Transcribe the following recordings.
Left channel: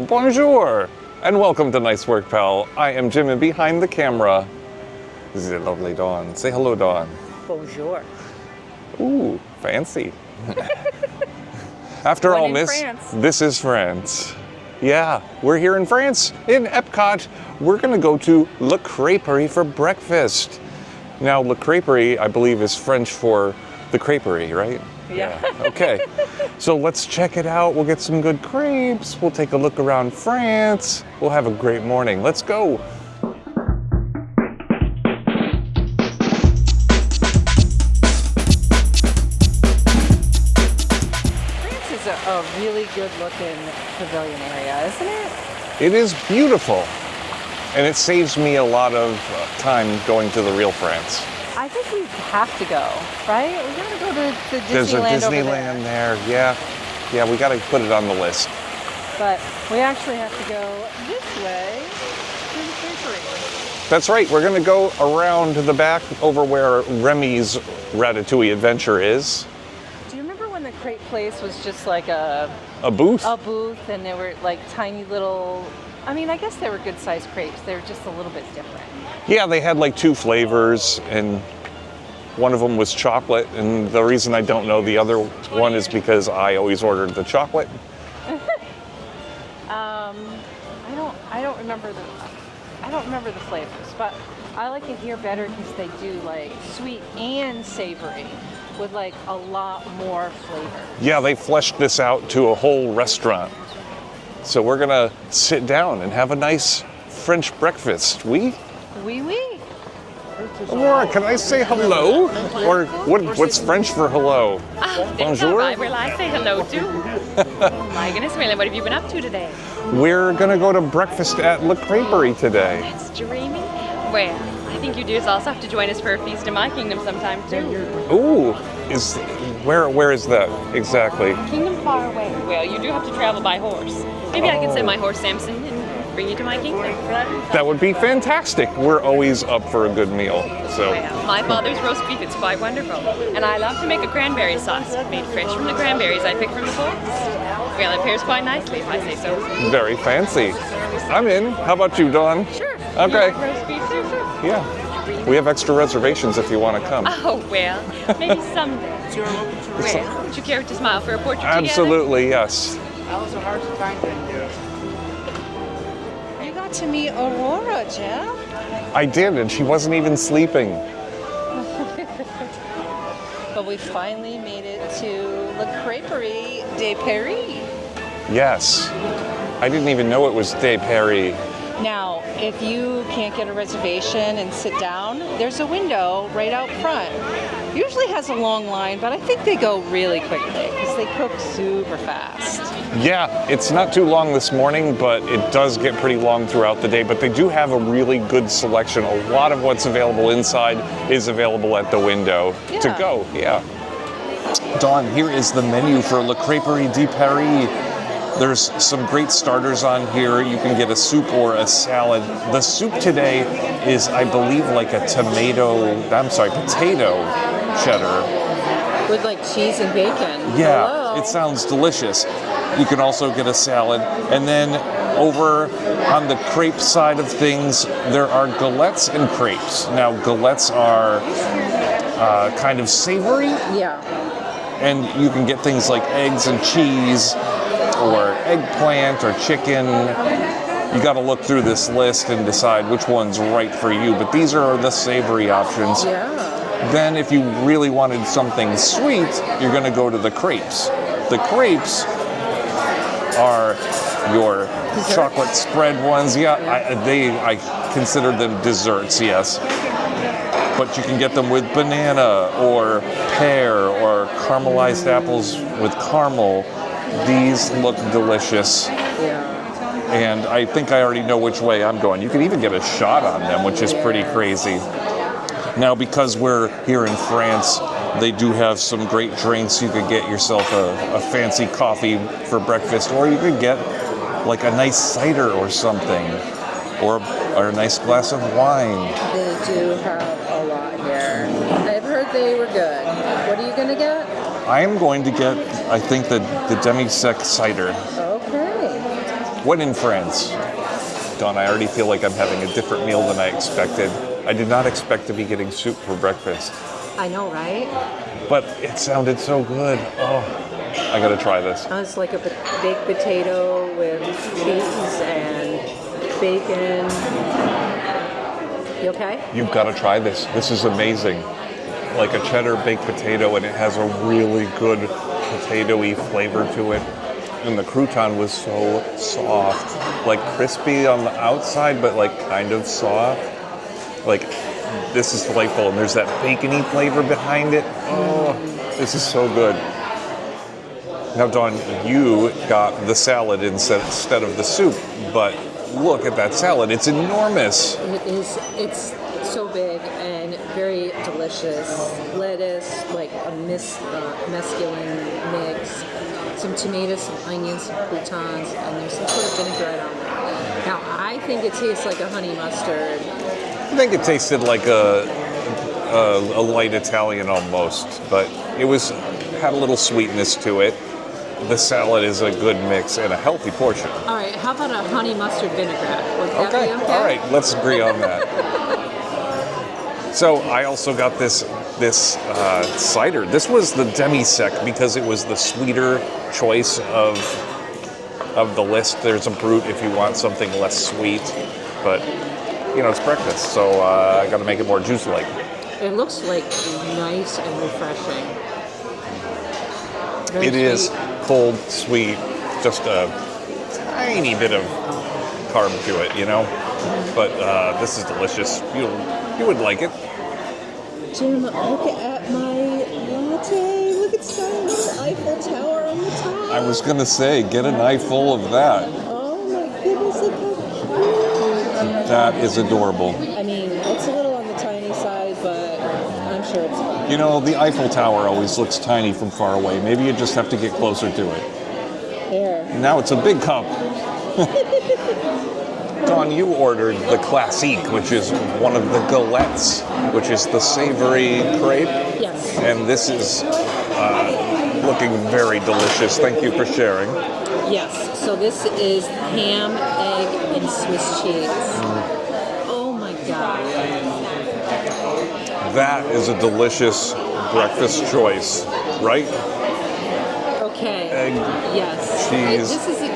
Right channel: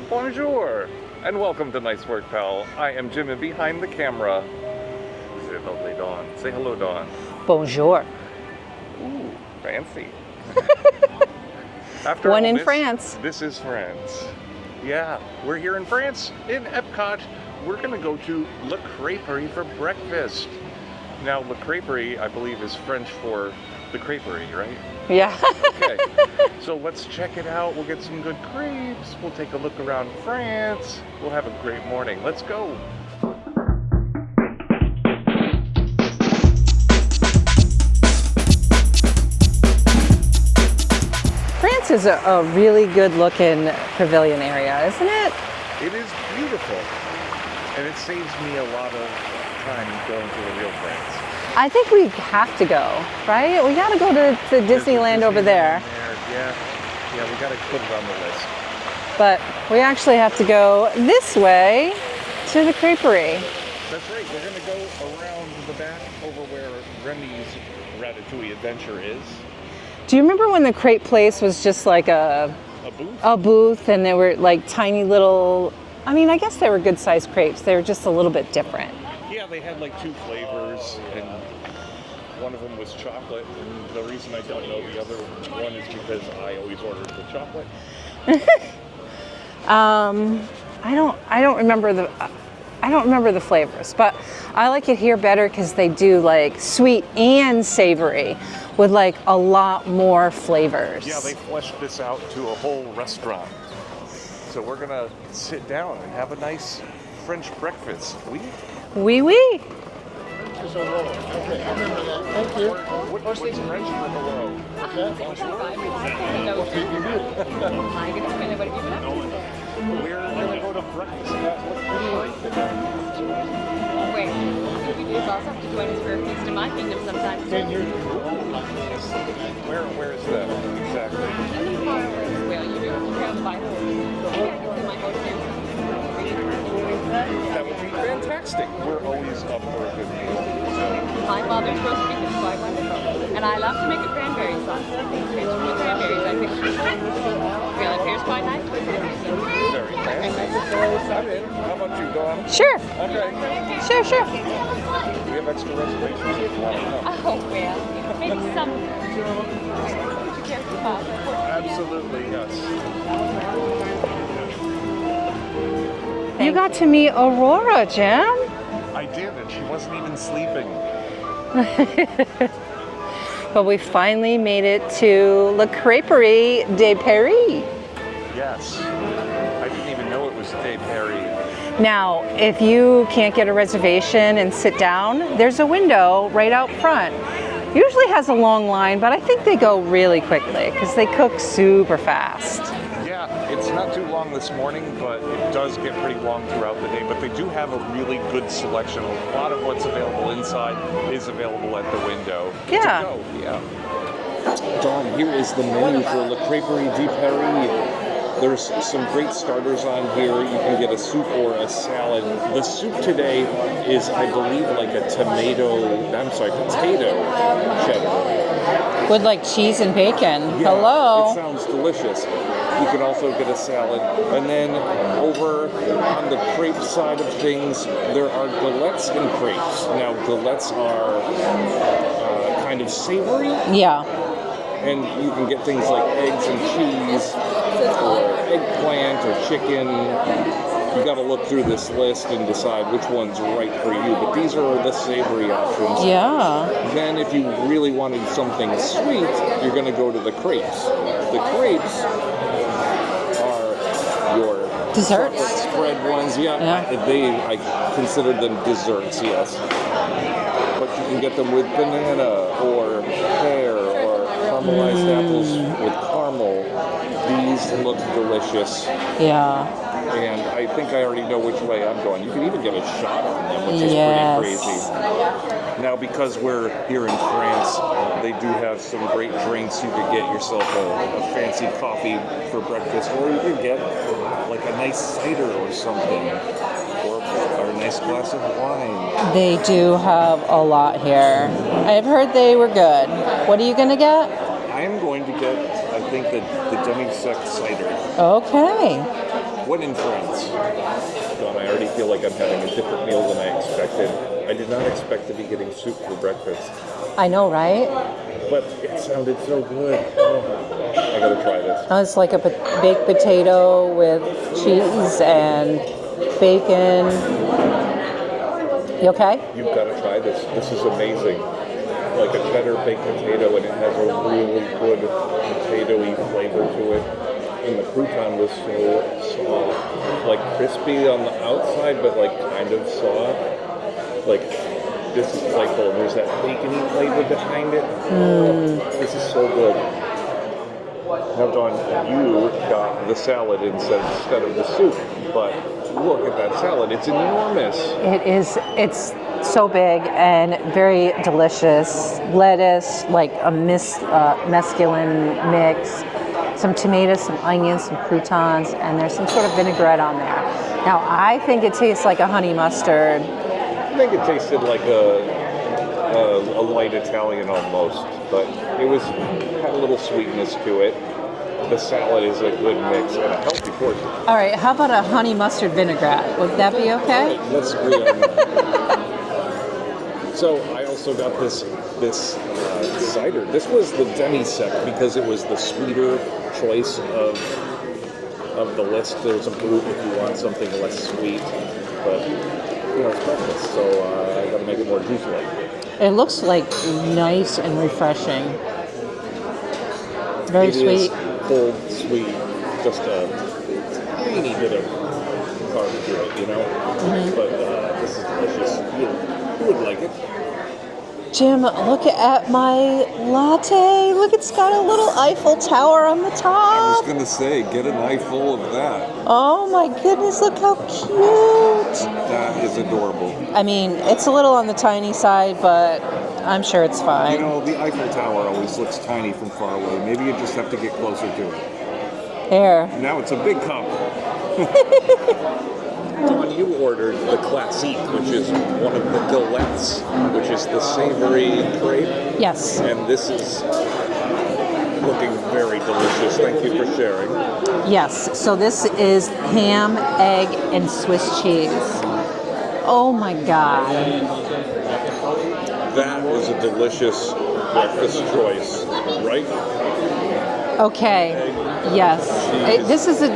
Bonjour, and welcome to Nice Work, Pal. I am Jim, and behind the camera is the lovely Dawn. Say hello, Dawn. Bonjour. Ooh, fancy. After One all in this, France. This is France. Yeah, we're here in France, in Epcot. We're gonna go to La Creperie for breakfast. Now, La Creperie, I believe, is French for the Creperie, right? Yeah. Okay, so let's check it out. We'll get some good crepes. We'll take a look around France. We'll have a great morning. Let's go. France is a really good looking pavilion area, isn't it? It is beautiful, and it saves me a lot of time going to the real France. I think we have to go, right? We gotta go to There's a Disneyland over there. Yeah, we gotta put it on the list. But we actually have to go this way to the Creperie. That's right, we're gonna go around to the back over where Remy's Ratatouille Adventure is. Do you remember when the crepe place was just like a booth? A booth, and they were like tiny little, I mean, I guess they were good sized crepes. They were just a little bit different. Yeah, they had like 2 flavors, and one of them was chocolate, and the reason I don't know the other one is because I always ordered the chocolate. I don't remember the flavors, but I like it here better because they do like sweet and savory with like a lot more flavors. Yeah, they fleshed this out to a whole restaurant. So we're gonna sit down and have a nice French breakfast. Oui, oui. Laura, can I say hello? Or what's French for hello? Bonjour? I say hello too. My goodness, Marilyn, what have you been up to today? We're gonna go to breakfast at La Creperie today. It's dreamy. Well, I think you dudes also have to join us for a feast in my kingdom sometime too. Ooh, where is that exactly? Kingdom far away. Well, you do have to travel by horse. Maybe I can send my horse Samson and bring you to my kingdom. That would be fantastic. We're always up for a good meal. So Well, my mother's roast beef is quite wonderful. And I love to make a cranberry sauce, made fresh from the cranberries I picked from the forest. Well, it pairs quite nicely if I say so. very fancy. I'm in. How about you, Dawn? Sure. Okay. Sure. Yeah. We have extra reservations if you want to come. Oh, well, maybe someday. Well, would you care to smile for a portrait Absolutely, yes. You got to meet Aurora, Jim. I did, and she wasn't even sleeping. But we finally made it to La Creperie de Paris. Yes. I didn't even know it was Des Paris. Now, if you can't get a reservation and sit down, there's a window right out front. Usually has a long line, but I think they go really quickly because they cook super fast. Yeah, it's not too long this morning, but it does get pretty long throughout the day. But they do have a really good selection. A lot of what's available inside is available at the window to Yeah. go. Yeah. Dawn, here is the menu for Le Creperie de Paris. There's some great starters on here. You can get a soup or a salad. The soup today is, I believe, like a potato cheddar. With like cheese and bacon. Yeah, Hello. it sounds delicious. You can also get a salad. And then over on the crepe side of things, there are galettes and crepes. Now, galettes are kind of savory, Yeah. and you can get things like eggs and cheese, or eggplant or chicken. You got to look through this list and decide which one's right for you. But these are the savory options. Yeah. Then if you really wanted something sweet, you're going to go to the crepes. The crepes are your Desserts. chocolate spread ones. Yeah, I consider them desserts, yes. But you can get them with banana or pear or caramelized apples with caramel. These look delicious. Yeah. And I think I already know which way I'm going. You can even get a shot on them, which is pretty Yes. crazy. Now, because we're here in France, they do have some great drinks. You could get yourself a fancy coffee for breakfast, or you could get like a nice cider or something, or a nice glass of wine. They do have a lot here. I've heard they were good. What are you gonna get? I am going to get, I think, the demi-sec cider. Okay. when in France. Dawn, I already feel like I'm having a different meal than I expected. I did not expect to be getting soup for breakfast, I know, right? but it sounded so good. Oh, I gotta try this. It's like a baked potato with cheese and bacon. You okay? You've got to try this. This is amazing. Like a cheddar baked potato, and it has a really good potatoy flavor to it. And the crouton was so soft, like crispy on the outside, but like kind of soft. Like, this is delightful, and there's that bacony flavor behind it. Oh, this is so good. Now, Dawn, you got the salad instead of the soup, but look at that salad. It's enormous. It is. It's so big and very delicious. Lettuce, like a mesclun mix, some tomatoes, some onions, some croutons, and there's some sort of vinaigrette on there. Now, I think it tastes like a honey mustard. I think it tasted like a light Italian almost, but it had a little sweetness to it. The salad is a good mix and a healthy portion. All right, how about a honey mustard vinaigrette? Would that be okay? All right, let's agree on that. So I also got this cider. This was the demi-sec because it was the sweeter choice of the list. There's a brut if you want something less sweet, but you know, it's breakfast, so I got to make it more juice-like. It looks like nice and refreshing. Very sweet. It is cold, sweet, just a tiny bit of carb to it, you know? But this is delicious. You would like it. Jim, look at my latte. Look, it's got a little Eiffel Tower on the top. I was going to say, get an eye full of that. Oh my goodness, look how cute. That is adorable. I mean, it's a little on the tiny side, but I'm sure it's fine. You know, the Eiffel Tower always looks tiny from far away. Maybe you just have to get closer to it. There. Now it's a big cup. Dawn, you ordered the classique, which is one of the galettes, which is the savory crepe. Yes. And this is looking very delicious. Thank you for sharing. Yes. So this is ham, egg, and Swiss cheese. Oh my God. That is a delicious breakfast choice, right? Okay. Egg, yes. cheese. This is a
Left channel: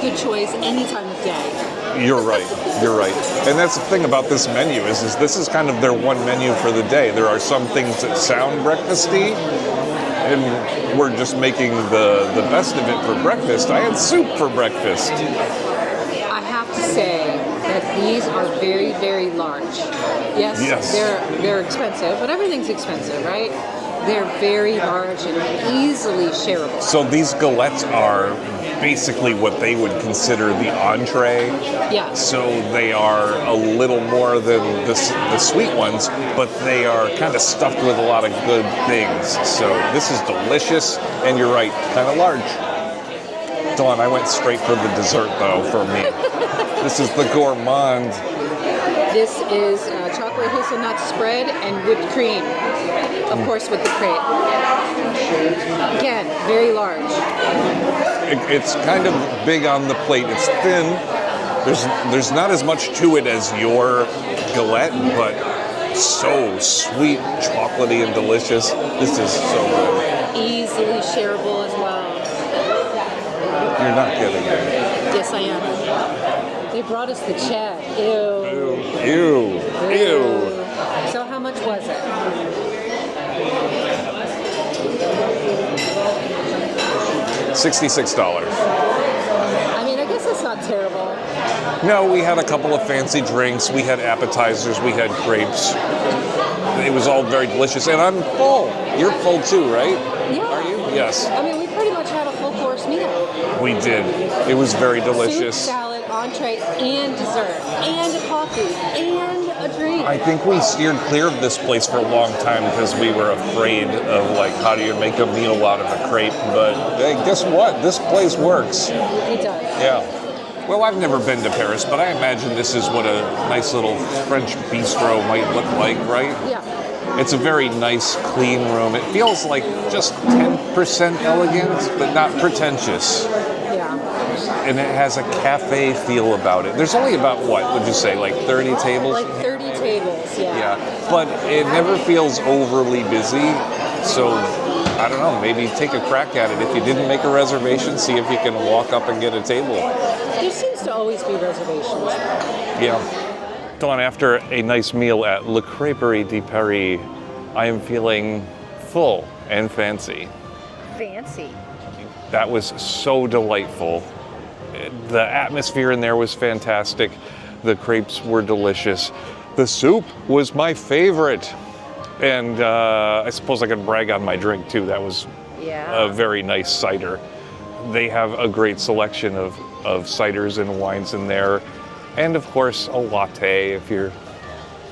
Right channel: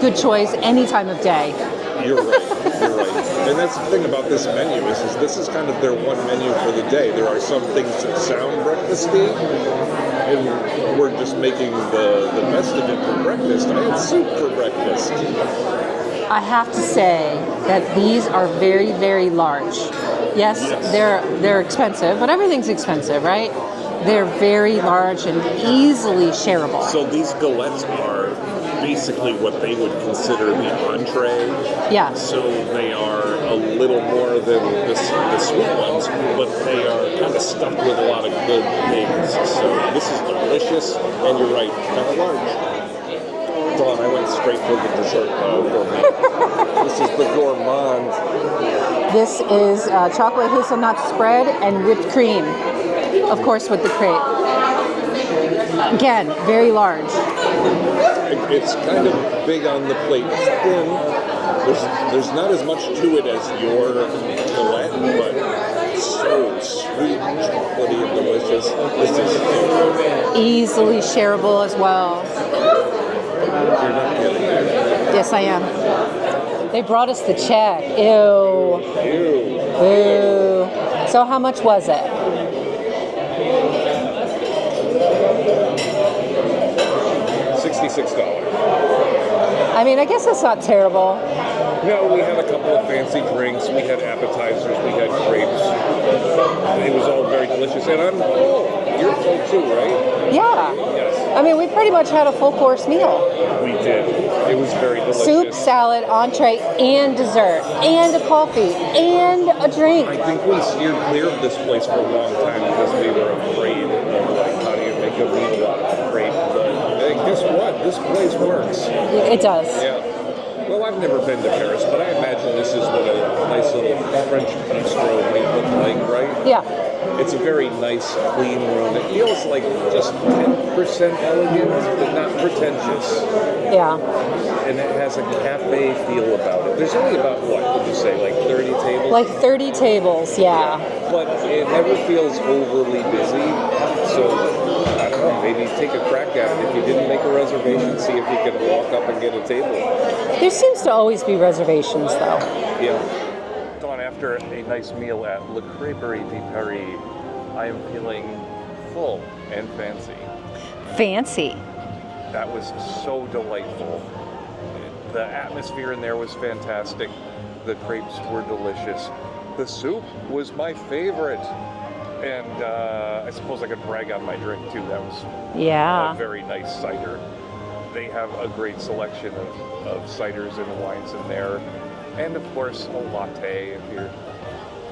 good choice any time of day. You're right. You're right. And that's the thing about this menu is this is kind of their one menu for the day. There are some things that sound breakfasty, and we're just making the best of it for breakfast. I had soup for breakfast. I have to say that these are very, very large. Yes. They're expensive, but everything's expensive, right? They're very large and easily shareable. So these galettes are basically what they would consider the entree. Yeah. So they are a little more than the sweet ones, but they are kind of stuffed with a lot of good things. So this is delicious, and you're right, kind of large. Dawn, I went straight for the dessert though for me. This is the gourmand. This is chocolate hazelnut spread and whipped cream, of course, with the crepe. Again, very large. It's kind of big on the plate. It's thin. There's not as much to it as your galette, but so sweet, chocolatey, and delicious. This is so good. Easily shareable as well. You're not kidding. Yes, I am. They brought us the check. Ew. Ew. So how much was it? $66. I mean, I guess that's not terrible. No, we had a couple of fancy drinks. We had appetizers. We had crepes. It was all very delicious. And I'm full. You're full too, right? Yeah. Yes. I mean, we pretty much had a full course meal. We did. It was very delicious. Soup, salad, entree, and dessert, and a coffee, and a drink. I think we steered clear of this place for a long time because we were afraid of, like, how do you make a meal out of a crepe? But hey, guess what? This place works. It does. Yeah. Well, I've never been to Paris, but I imagine this is what a nice little French bistro might look like, right? Yeah. It's a very nice, clean room. It feels like just 10% elegant, but not pretentious. Yeah. Yeah. And it has a cafe feel about it. There's only about, what would you say, like 30 tables? Like 30 tables, yeah. But it never feels overly busy. So, I don't know, maybe take a crack at it. If you didn't make a reservation, see if you can walk up and get a table. There seems to always be reservations, though. Yeah. Dawn, after a nice meal at Le Creperie de Paris, I am feeling full and fancy. Fancy. That was so delightful. The atmosphere in there was fantastic. The crepes were delicious. The soup was my favorite. And I suppose I could brag on my drink too. That was a very nice cider. They have a great selection of ciders and wines in there. And of course, a latte if you're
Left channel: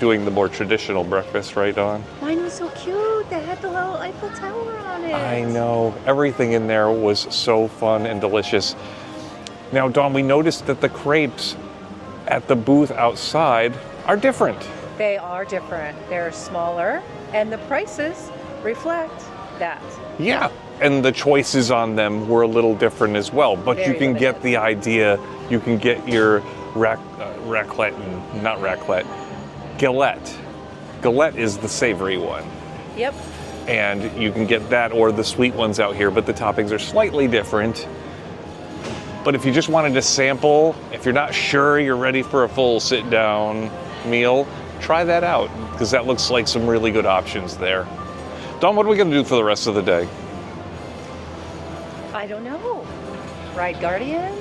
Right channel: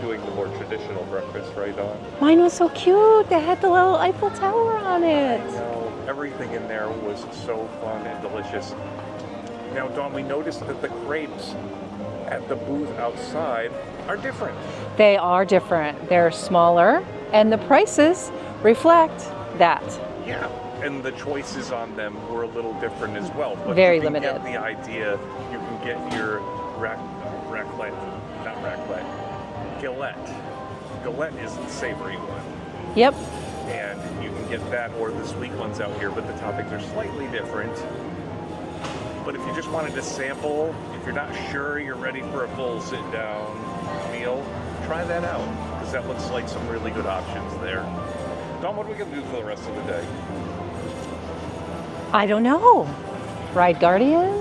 doing the more traditional breakfast, right, Dawn? Mine was so cute. They had the little Eiffel Tower on it. I know. Everything in there was so fun and delicious. Now, Dawn, we noticed that the crepes at the booth outside are different. They are different. They're smaller, and the prices reflect that. Yeah, and the choices on them were a little different as well. But Very you can limited. get the idea. You can get your galette. Galette is the savory one. Yep. And you can get that or the sweet ones out here, but the toppings are slightly different. But if you just wanted to sample, if you're not sure you're ready for a full sit-down meal, try that out, because that looks like some really good options there. Dawn, what are we going to do for the rest of the day? I don't know. Ride Guardians.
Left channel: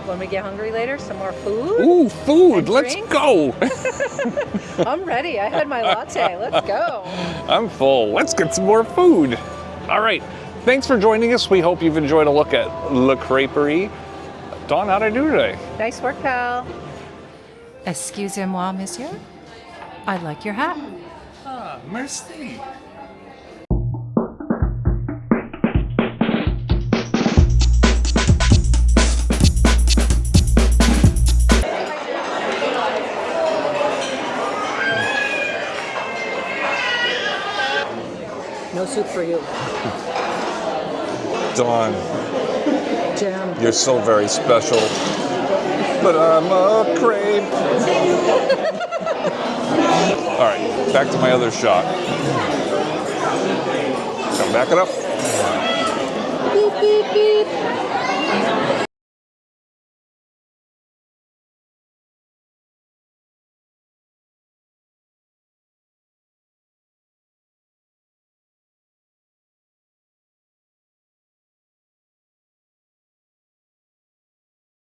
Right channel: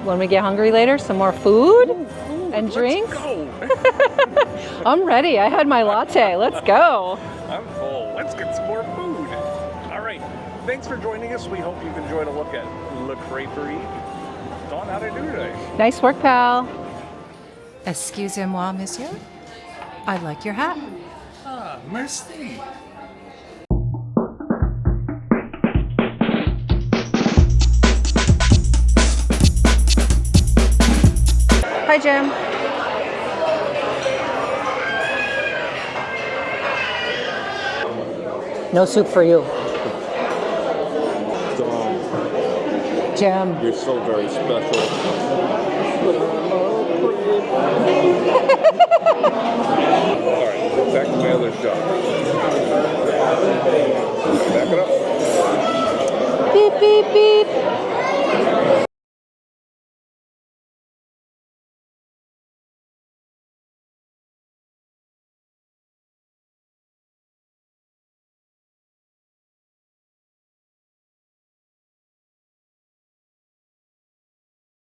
When we get hungry later, some more food. Ooh, food! And Let's drinks? go! I'm ready. I had my latte. Let's go. I'm full. Let's get some more food. All right. Thanks for joining us. We hope you've enjoyed a look at Le Creperie. Dawn, how'd I do today? Nice work, pal. Excusez-moi, monsieur. I like your hat. Ah, merci. Hi, Jim. No soup for you. Dawn, Jim. you're so very special. But I'm a crepe. All right, back to my other shot. Back it up.